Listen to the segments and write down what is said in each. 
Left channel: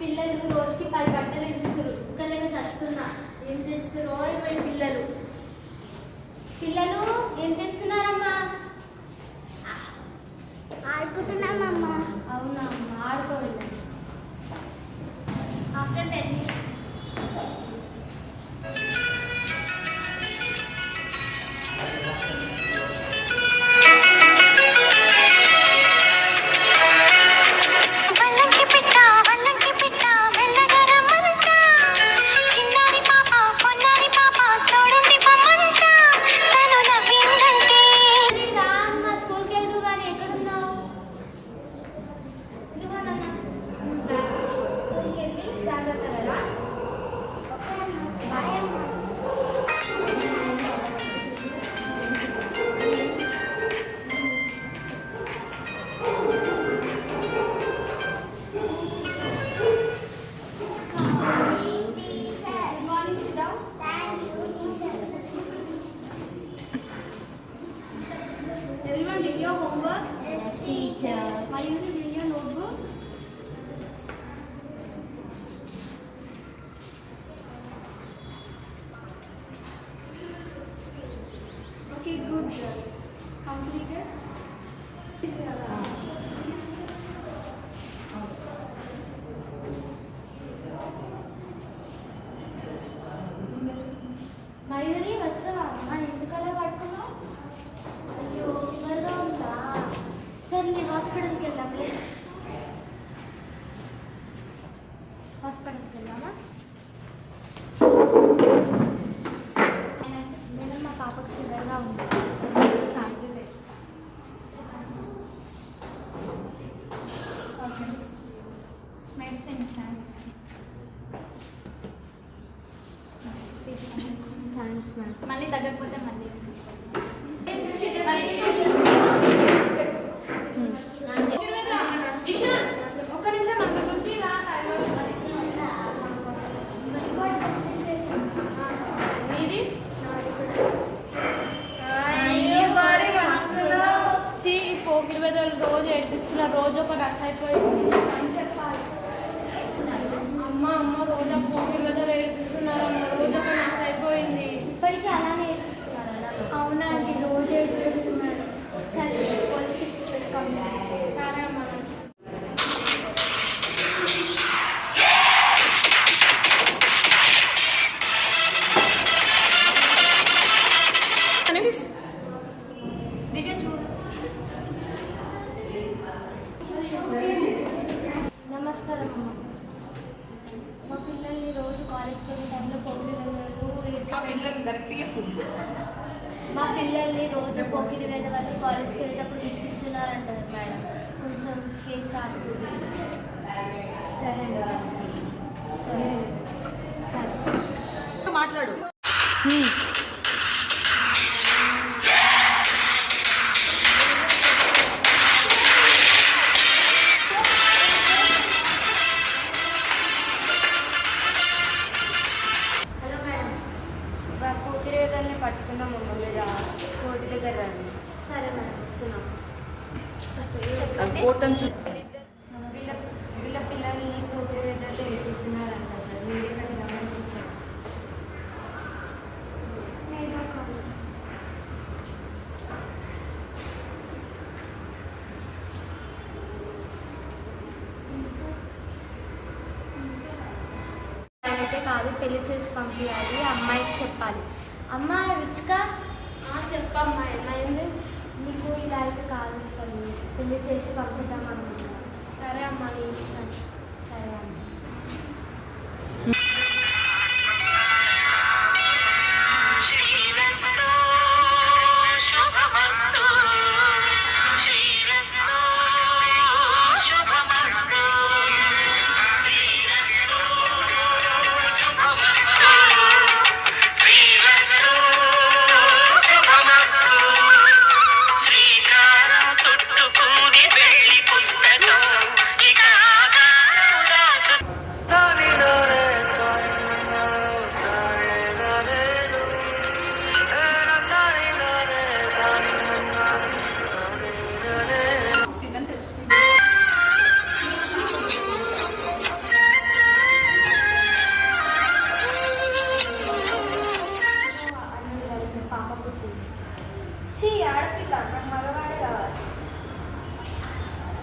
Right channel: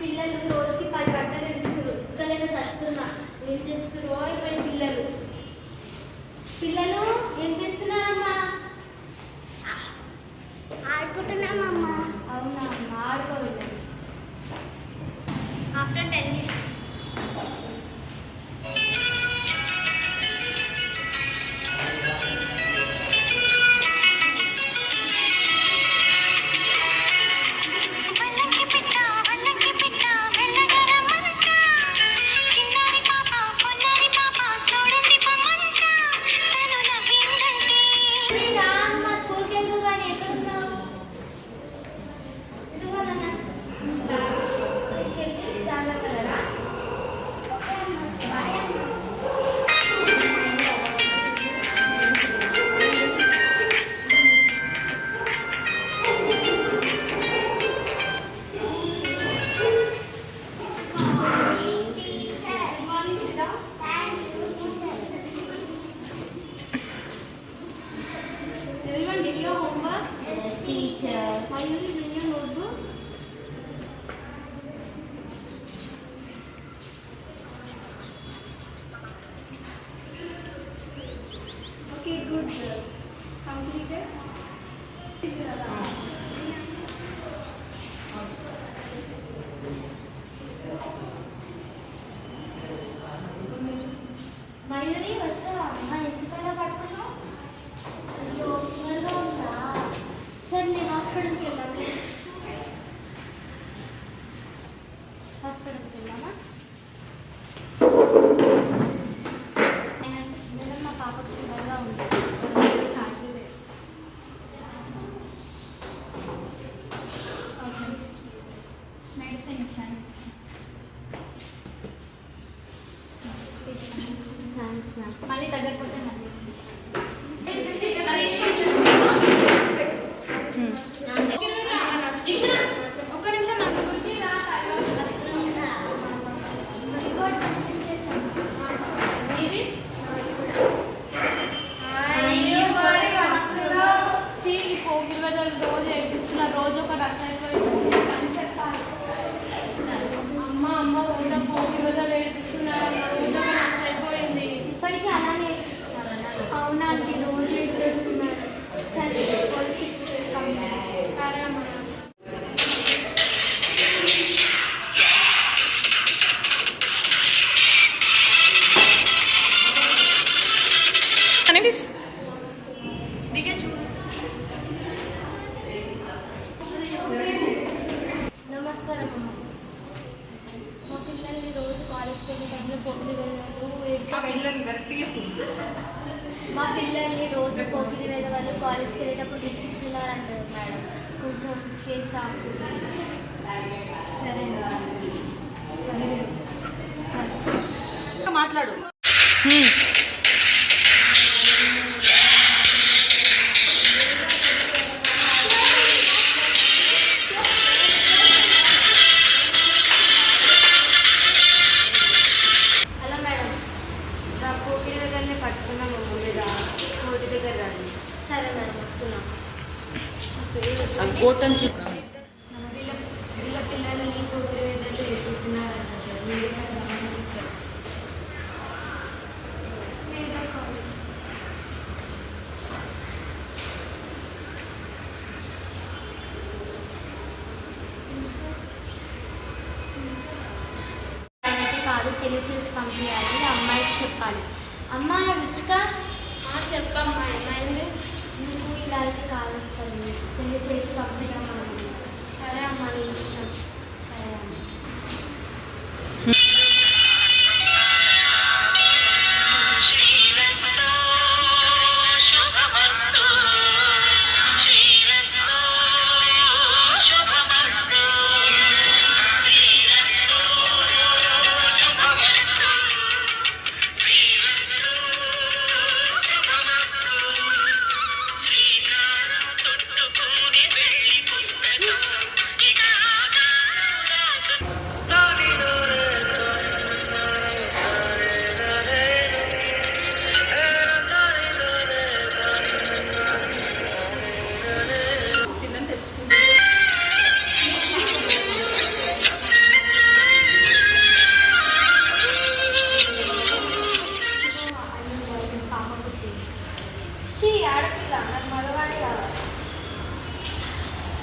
పిల్లలు రోజుకి 10 గంటలు ఇస్తారు. ఇంకా చస్తున్నా. ఏం చేస్తున్నారు అయిపోయిన పిల్లలు? పిల్లలు ఏం చేస్తున్నారమ్మా? ఆడుకుంటున్నామమ్మా. అవునా అమ్మా, ఆడుకోవాలి. After 10 minutes. Everyone did your homework? Yes, teacher. Why did you bring your notebook? Okay, good. Completed? Mayuri, వచ్చావా అమ్మా? ఎందుకలా పడుతున్నావు? అయ్యో, ఫీవర్గా ఉందా? సరే నేను హాస్పిటల్కి వెళ్దాం. హాస్పిటల్కి వెళ్దామా? మేడం, నా పాపకు ఫీవర్గా ఉంది. సాధ్యమే. ఓకే, మెడిసిన్ ఇస్తాను. Thanks ma'am. మళ్ళీ తగ్గకపోతే మళ్ళీ ఒక్క నిమిషం రోజు ఏడిపిస్తున్నారు. రోజు ఒక రస అయిపోయింది అని చెప్పాలి. అమ్మ రోజు 20 రోజులు ఏడిపిస్తున్నారన్న. రోజు ఒక రస అయిపోయింది. ఇప్పటికీ అలానే ఏడిపిస్తున్నారు. అవునండి, రోజు ఏడిపిస్తున్నారు. సరే, పోలీస్ కంప్లైంట్. సరే అమ్మ. నమస్కారం అమ్మ. మా పిల్లల్ని రోజు కాలేజ్కి వెళ్ళే టైంలో పోటీ మా పిల్లల్ని రోజు పోటీ వేరే వాళ్ళు కాలేజ్కి వెళ్ళేటప్పుడు విసిగిస్తున్నారంటారు మేడం. కొంచెం కేసు రాస్తుంది. సరే సరే సరే మాట్లాడు. పట్టుకున్నాం మీద కోటి దగ్గర రండి. సరే మేడం, వస్తున్నాం. వీళ్ళ పిల్లల్ని కోటి దగ్గర ఏడిపిస్తున్నారంట. కాదు, పెళ్లి చేసి పంపించాలి. అమ్మాయికి చెప్పాలి. అమ్మ రుచిక, చెప్పమ్మా. ఏమైంది? నువ్వు ఇలా అయితే కాదు, పెళ్లి చేసి పంపిద్దామనుకుంటున్నా. సరే అమ్మ, నీ ఇష్టం. సరే అమ్మ.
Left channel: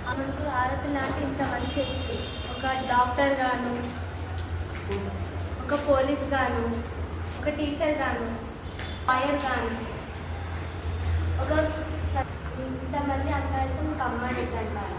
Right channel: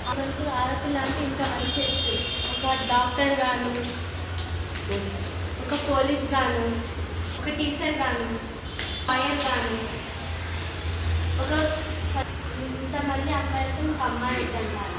మనకు ఆడపిల్ల అంటే ఇంత మంచి చేస్తుంది. ఒక డాక్టర్ గాను, ఒక పోలీస్ గాను, ఒక టీచర్ గాను, లాయర్ గాను, ఒక ఇంతమంది అబ్బాయిలతో ఒక అమ్మాయి అంటారు.